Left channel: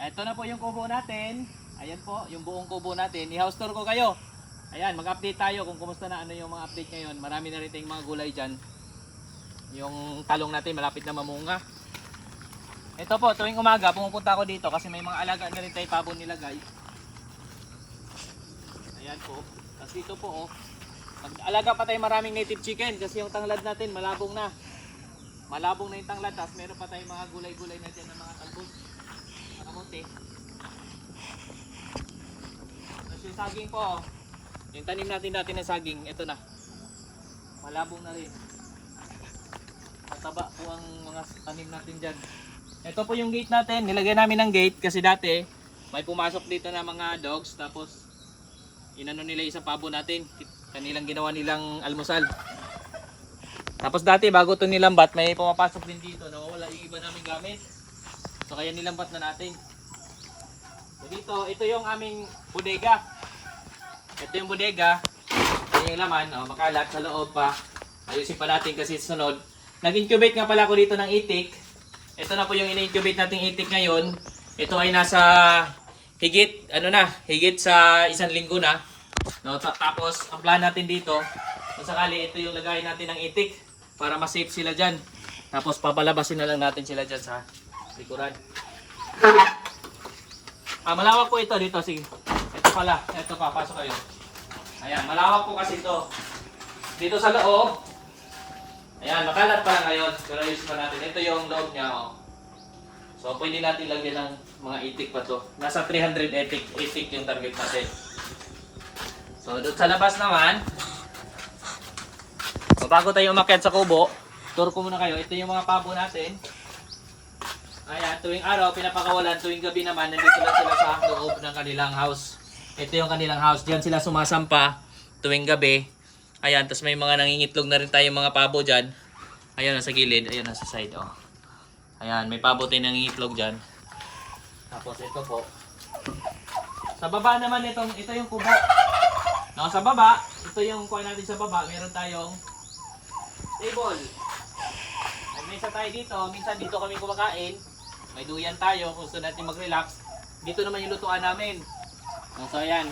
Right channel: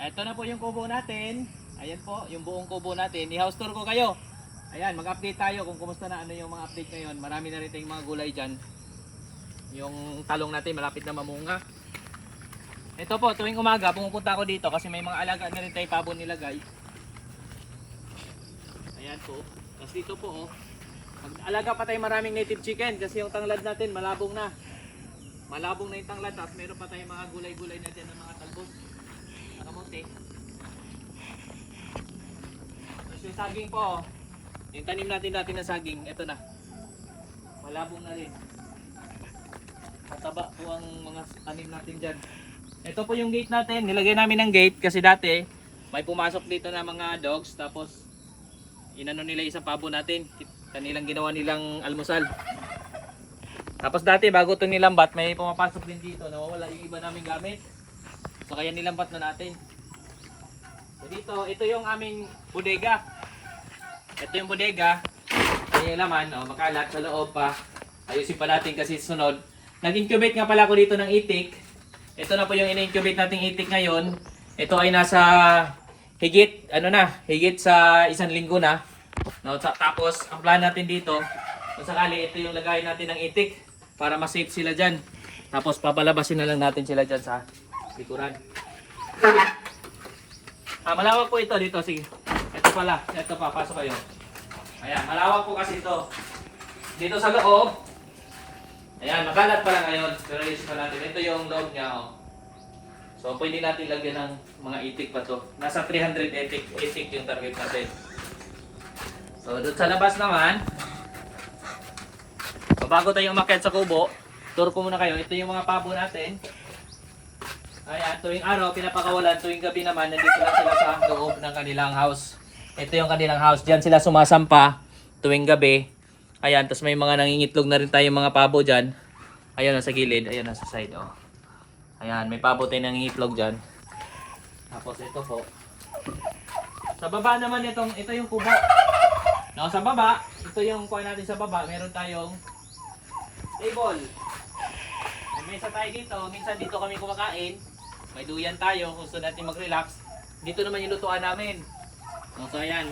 Ito na po yung kubo natin. Ayan po, yung buong kubo natin. I-house tour ko kayo. Ayan, mag-update tayo kung kumusta na ano yung mga update ngayon. Marami na rin tayong mga gulay dyan. Yung talong natin malapit na mamunga. Ito po, tuwing umaga pumupunta ako dito kasi may mga alaga na rin tayo pabo nilagay. Ayan po. Tapos dito po, mag-alaga pa tayo maraming native chicken kasi yung tanglad natin malabong na. Malabong na yung tanglad. Tapos meron pa tayong mga gulay-gulay na dyan ng mga talbos. Kamote. Tapos yung saging po, yung tanim natin dati na saging, ito na. Malabong na rin. Mataba po ang mga tanim natin dyan. Ito po yung gate natin. Nilagay namin ng gate kasi dati may pumasok dito na mga dogs. Tapos inano nila isang pabo natin. Kanilang ginawa nilang almusal. Tapos dati bago ito nilambat, may pumapasok din dito. Nawawala yung iba namin gamit. So kaya nilambat na natin. So dito, ito yung aming bodega. Ito yung bodega. Ito yung laman, makalat sa loob pa. Ayusin pa natin kasi sunod. Nag-incubate nga pala ako dito ng itik. Ito na po yung in-incubate nating itik ngayon. Ito ay nasa higit sa 1 linggo na. No, tapos ang plan natin dito, kung sakali ito yung lagay natin ng itik para ma-safe sila diyan. Tapos papalabasin na lang natin sila diyan sa likuran. Malawak po ito dito, sige. Ito pala, ito pa, pasok kayo. Ayan, malawak po kasi ito. Dito sa loob, ayan, makalat pa lang ngayon. Pero ayusin pa natin. Ito yung loob niya, So, pwede natin lagyan ng mga itik pa to. Nasa 300 itik yung target natin. So, doon sa labas naman, so, bago tayo umakyat sa kubo, tour ko muna kayo. Ito yung mga pabo natin. Ayan, tuwing araw, pinapakawalan. Tuwing gabi naman, nandito lang sila sa loob ng kanilang house. Ito yung kanilang house. Diyan sila sumasampa tuwing gabi. Ayan, tapos may mga nangingitlog na rin tayong mga pabo dyan. Ayan, nasa gilid. Ayan, nasa side, Ayan, may pabo tayong nangingitlog dyan. Tapos ito po. Sa baba naman ito yung kubo. No, sa baba, ito yung kuha natin sa baba. Meron tayong table. May mesa tayo dito. Minsan dito kami kumakain. May duyan tayo kung gusto natin mag-relax. Dito naman yung lutuan namin. No, so ayan.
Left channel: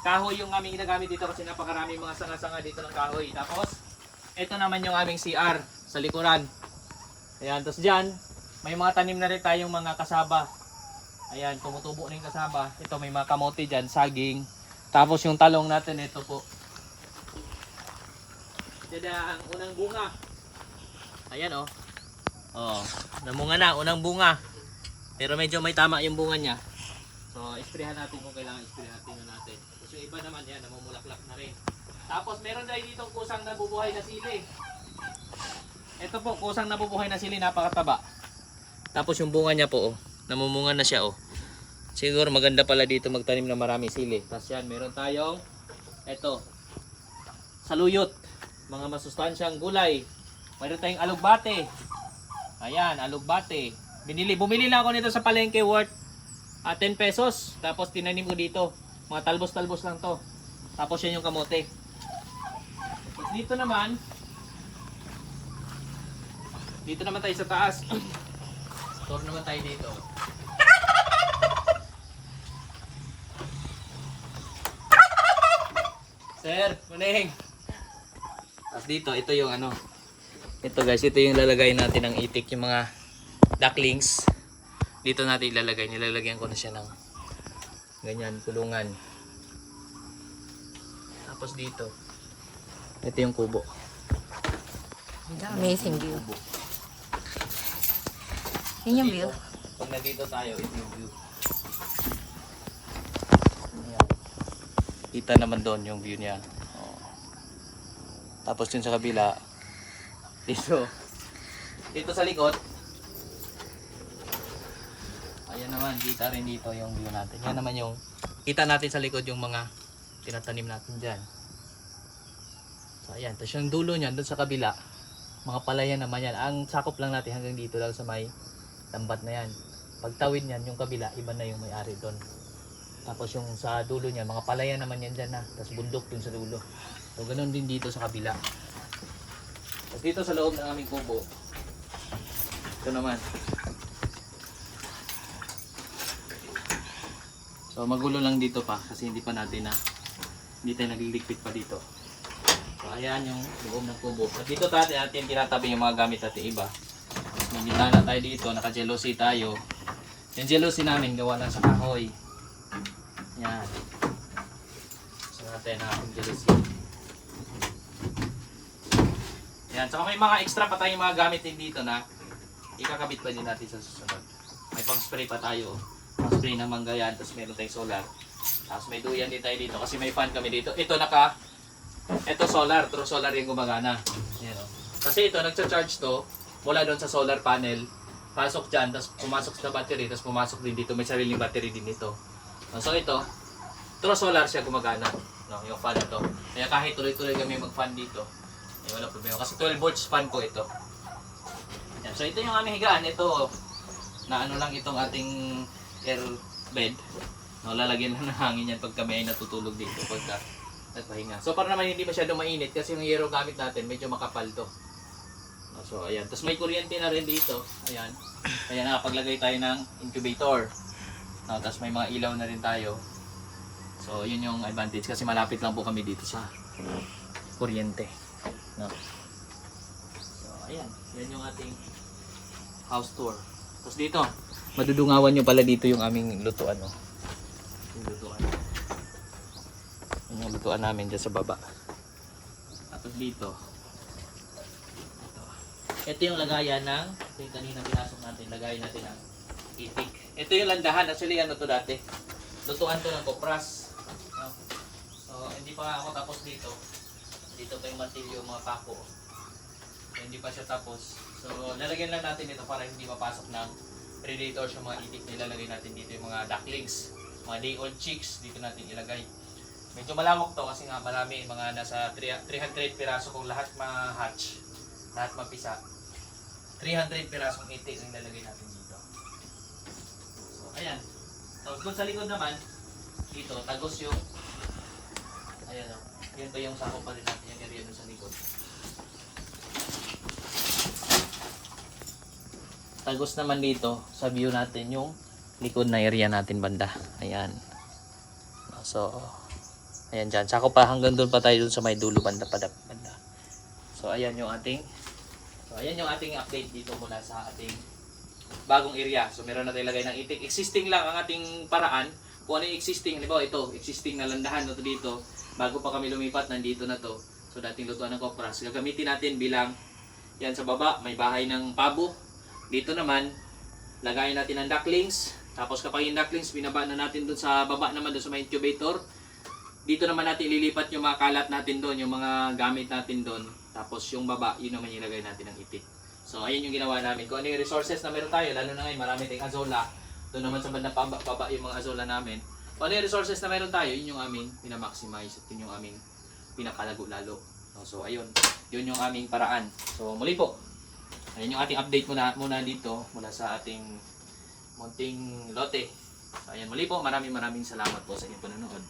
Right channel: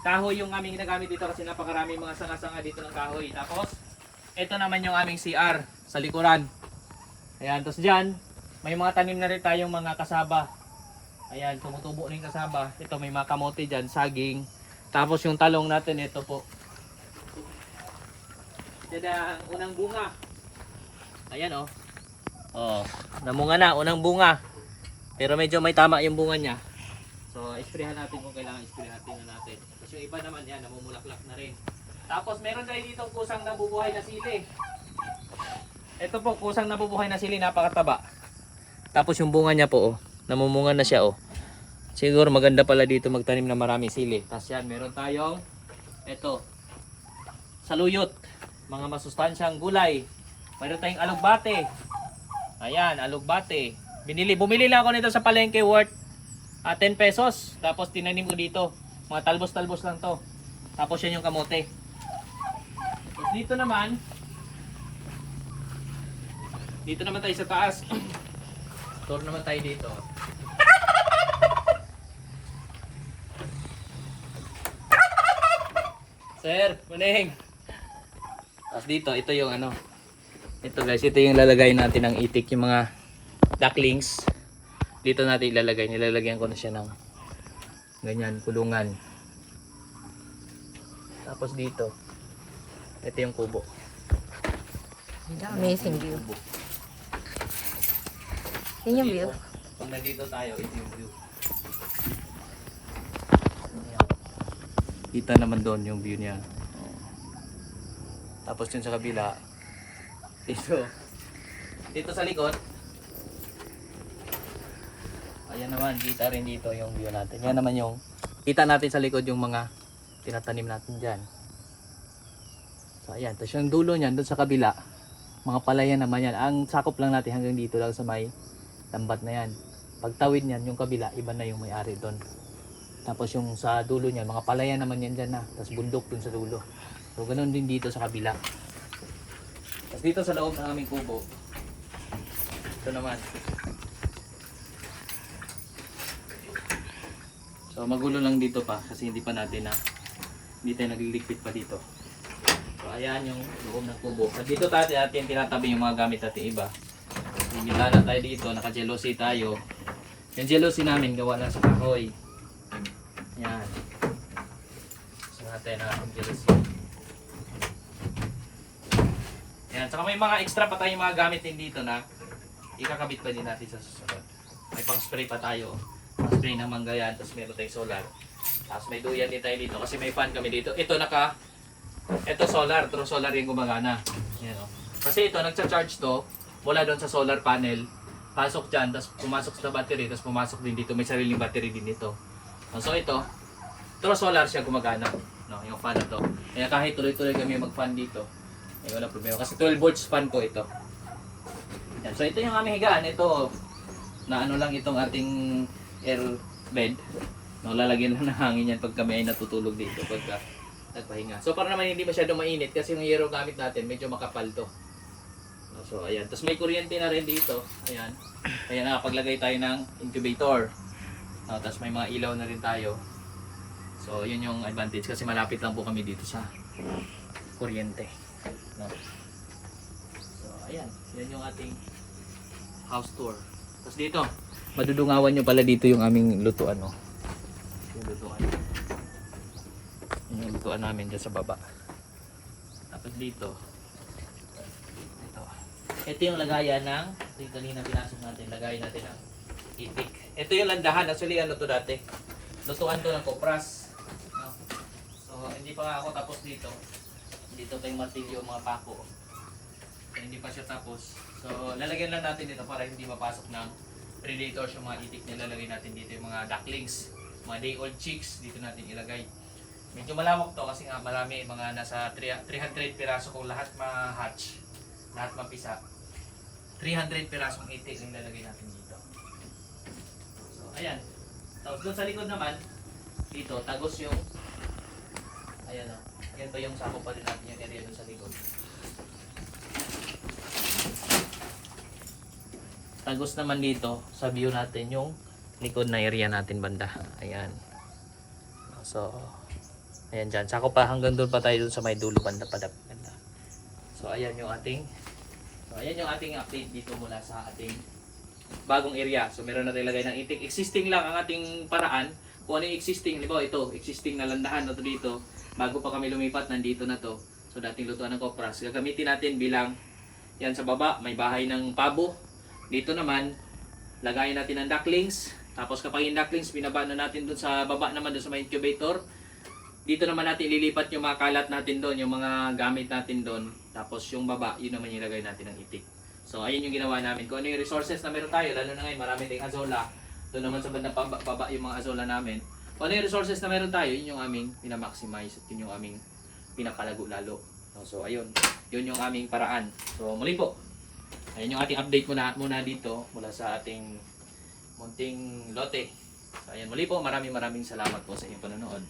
Kahoy yung aming ginagamit dito kasi napakarami mga sanga-sanga dito ng kahoy. Tapos, ito naman yung aming CR sa likuran. Ayan, tapos dyan, may mga tanim na rin tayong mga kasaba. Ayan, tumutubo na yung kasaba. Ito, may mga kamote dyan, saging. Tapos yung talong natin, ito po. Ito na ang unang bunga. Ayan, namunga na, unang bunga. Pero medyo may tama yung bunga niya. So, isprehan natin kung kailangan isprehan natin. Tapos yung iba naman yan, namumulaklak na rin. Tapos meron tayo dito kusang nabubuhay na sili. Ito po, kusang nabubuhay na sili, napakataba. Tapos yung bunga niya po, namumunga na siya, Siguro maganda pala dito magtanim na marami sili. Tapos yan, meron tayong, ito, saluyot. Mga masustansyang gulay. Meron tayong alugbate. Ayan, alugbate. Bumili lang ako nito sa palengke worth 10 pesos. Tapos tinanim ko dito. Mga talbos-talbos lang to. Tapos yan yung kamote. Tapos dito naman tayo sa taas. Store naman tayo dito. Sir, kuning. Tapos dito, ito yung ito guys, ito yung lalagay natin ng itik, yung mga ducklings. Dito natin ilalagay, nilalagyan ko na siya ng ganyan, kulungan. Tapos dito, ito yung kubo. Amazing view. Yun yung view. Pag nandito tayo, ito yung view. Kita naman doon yung view niya. Tapos yun sa kabila, dito sa likod, ayan naman, kita rin dito yung view natin. Yan naman yung, kita natin sa likod yung mga tinatanim natin dyan. So ayan, tapos yung dulo niyan, doon sa kabila, mga palayan naman yan. Ang sakop lang natin hanggang dito lang sa may lambat na yan. Pagtawid niyan, yung kabila, iba na yung may-ari doon. Tapos yung sa dulo niyan, mga palayan naman yan dyan na. Tapos bundok dun sa dulo. So ganoon din dito sa kabila. Tapos dito sa loob ng aming kubo, ito naman. So magulo lang dito pa kasi hindi tayo nagliligpit pa dito. So ayan yung loob ng kubo. At dito natin tinatabi yung mga gamit natin iba. May bintana tayo dito, naka-jealousy tayo. Yung jealousy namin gawa na sa kahoy. Yan. So natin ang ating jealousy. Yan, saka may mga extra pa tayong mga gamit din dito na ikakabit pa din natin sa susunod. May pang spray pa tayo. Pang spray na mangga yan, tapos meron tayong solar. Tapos may duyan din tayo dito kasi may fan kami dito. Ito solar, true solar yung gumagana. Yan o. Kasi ito nagcha-charge to mula doon sa solar panel. Pasok dyan, tapos pumasok sa battery, tapos pumasok din dito. May sariling battery din dito. So ito, true solar siya gumagana. No, yung fan na to. Kaya kahit tuloy-tuloy kami mag-fan dito, wala problema. Kasi 12 volts fan po ito. Yan. So ito yung aming higaan. Ito, na ano lang itong ating air bed. No, lalagyan lang ng hangin yan pag kami ay natutulog dito pagka nagpahinga. So para naman hindi masyadong mainit kasi yung hero gamit natin medyo makapal to. No, so ayan. Tapos may kuryente na rin dito. Ayan. Ayan, nakapaglagay tayo ng incubator. No, tapos may mga ilaw na rin tayo. So yun yung advantage kasi malapit lang po kami dito sa kuryente. No. So ayan, yan yung ating house tour. Tapos dito, madudungawan nyo pala dito yung aming lutuan. No? Yung lutuan. Yung lutuan namin dyan sa baba. Tapos dito, ito yung lagayan ng, ito yung kanina pinasok natin, lagayan natin ang itik. Ito yung landahan, actually ano to dati. Lutuan to ng kopras. No? So hindi pa nga ako tapos dito. Dito pa yung martilyo, mga pako. So, hindi pa siya tapos. So, lalagyan lang natin dito para hindi mapasok ng predators yung mga itik. Nilalagay natin dito yung mga ducklings, mga day old chicks. Dito natin ilagay. Medyo malawak to kasi nga marami, mga nasa 300 piraso kung lahat ma-hatch, lahat mapisa. 300 pirasong itik yung lalagay natin dito. So, ayan. Tapos doon sa likod naman, dito, tagos yung, ayan o. Yan ba yung sako pa rin natin yung area doon sa likod. Tagos naman dito sa view natin yung likod na area natin banda. Ayan. So, ayan dyan. Sako pa hanggang doon pa tayo doon sa may dulo banda. So, ayan yung ating update dito mula sa ating bagong area. So, meron na tayo lagay ng itik. Existing lang ang ating paraan. Kung ano yung existing, di ba ito, existing na landahan na to dito. Bago pa kami lumipat, nandito na to. So dating lutuan ng kopras. Gagamitin natin bilang, yan sa baba, may bahay ng pabo. Dito naman, lagayin natin ang ducklings. Tapos kapag yung ducklings, binaba na natin dun sa baba naman, dun sa may incubator. Dito naman natin ililipat yung mga kalat natin doon, yung mga gamit natin doon. Tapos yung baba, yun naman yung ilagay natin ng itik. So ayun yung ginawa namin. Kung ano yung resources na meron tayo, lalo na ngayon, marami tayong azola. Doon naman sa bandang baba yung mga azola namin. Kung ano yung resources na meron tayo, yun yung aming pinamaximize at yun yung aming pinapalago lalo. So ayun, yun yung aming paraan. So muli po, ayun yung ating update muna dito mula sa ating munting lote. So ayun, muli po, maraming salamat po sa inyong panonood.